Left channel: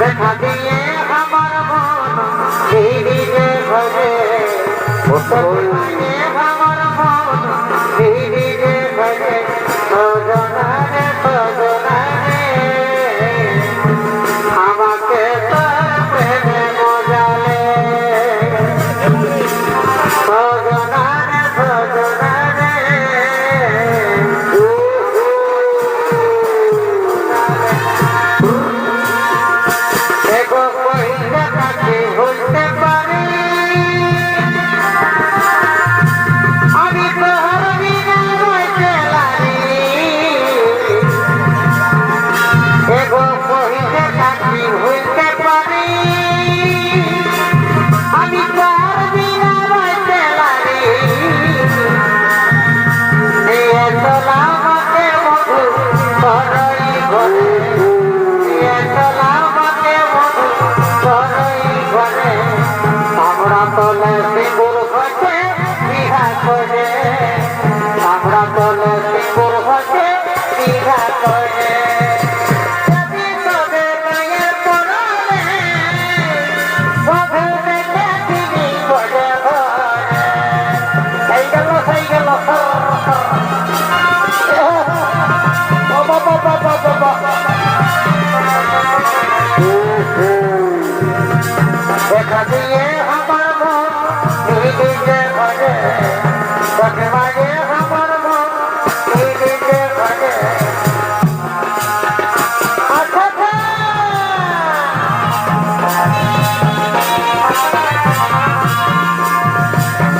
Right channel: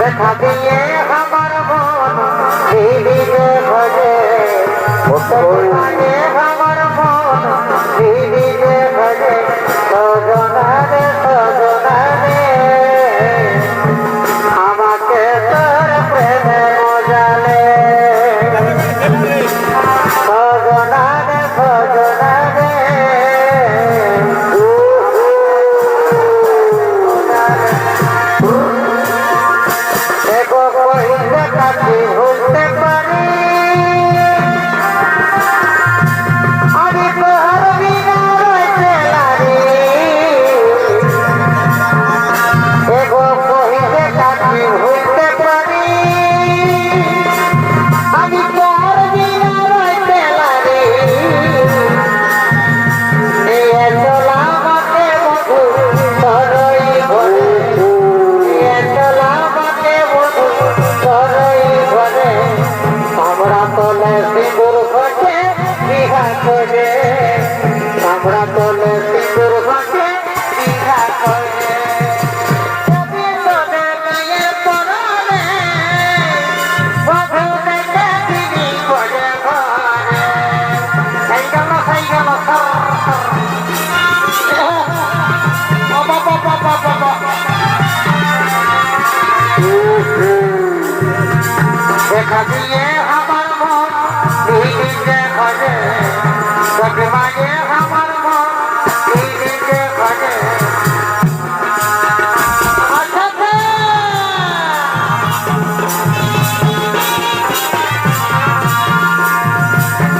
দেখা দিয়ে আমার মন ভিড়ে ভরে আমার মন ভিড়ে ভরে সজনারে সজনারে আমাকে তোর প্রেমে মজালে সজনারে সজনারে হইতে পারে আমি তোর বিনা রইতে পারি এগো কহিতে থাকি হইতে পারি আমি তোর বিনা রইতে পারি নিয়ে চলা আমাকে বধু তোরই ঘরে নিয়ে চলা আমাকে বধু তোরই ঘরে আমরা তোলে সিঁদুর ঘটে বিহা করে আমরা তোলে সিঁদুর ঘটে বিহা করে যদি তোদের গায়ে পড়ে বধু দেখে তিনি করে ঘরে সেই গেল দেখা দিয়ে আমার মন দিদিকে ঘরে মাঝে আমার মন দিদিকে ঘরে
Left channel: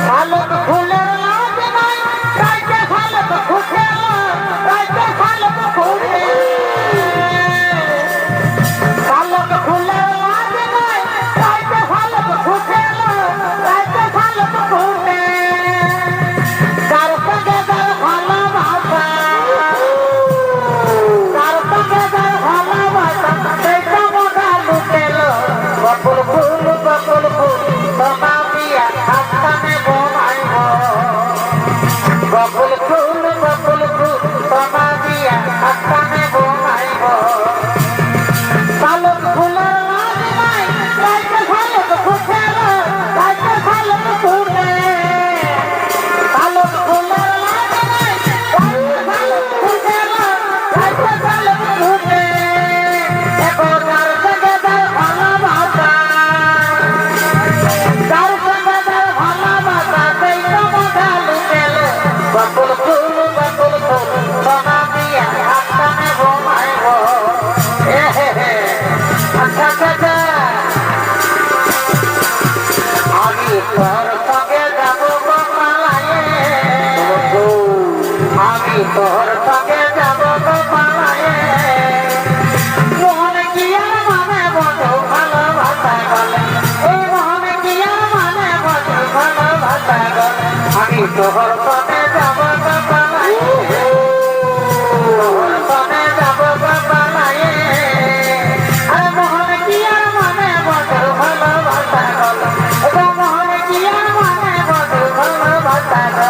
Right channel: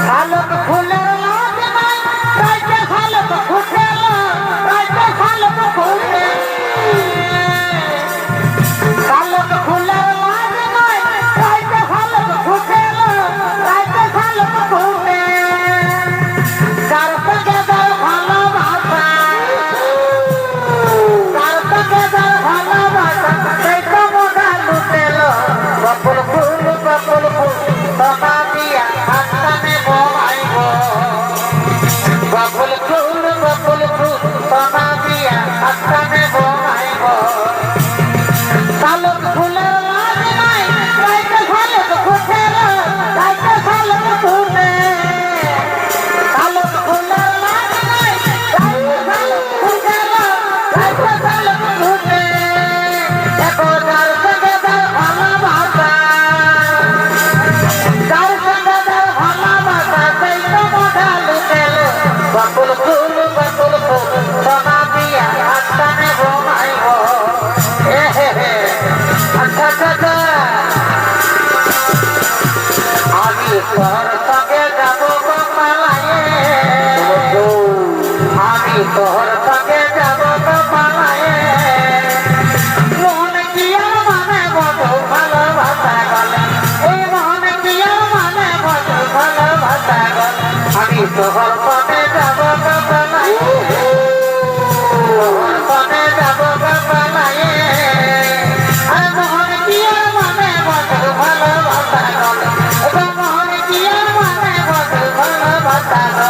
শালক ফুলের লাজ নাই রাইতে শালক ফুটে রাইতে শালক ফুটে শালক ফুলের লাজ নাই রাইতে শালক ফুটে রাইতে শালক ফুটে কার সঙ্গে তার ভালোবাসা কার সঙ্গে তার ভালোবাসা সেই তো মোটা লুটেল বকুল ফুল সোনা দিয়া হাতটানে বোনাইব বকুল ফুল সোনা দিয়া হাতটানে বোনাইব শালক ফুলের লাজ নাই রাইতে শালক ফুটে রাইতে শালক ফুটে শালক ফুলের লাজ নাই রাইতে শালক ফুটে রাইতে শালক ফুটে দেখো যার সঙ্গে তার ভালোবাসা যার সঙ্গে তার ভালোবাসা সেই তো মোটা লুটেল বকুল ফুল সোনা দিয়া হাতটানে বোনাইব আমি তোর সঙ্গে যাব পালায়ে আমি তোর সঙ্গে যাব পালায়ে মোহন কি আর মানে বধু ভালোবাসা গলে এই মোহন কি আর মানে বধু ভালোবাসা গলে আমি তোর সঙ্গে যাব পালায়ে তোর সঙ্গে যাব পালায়ে আরে মোহন কি আর মানে বধু ভালোবাসা গলে মোহন কি আর মানে বধু ভালোবাসা গলে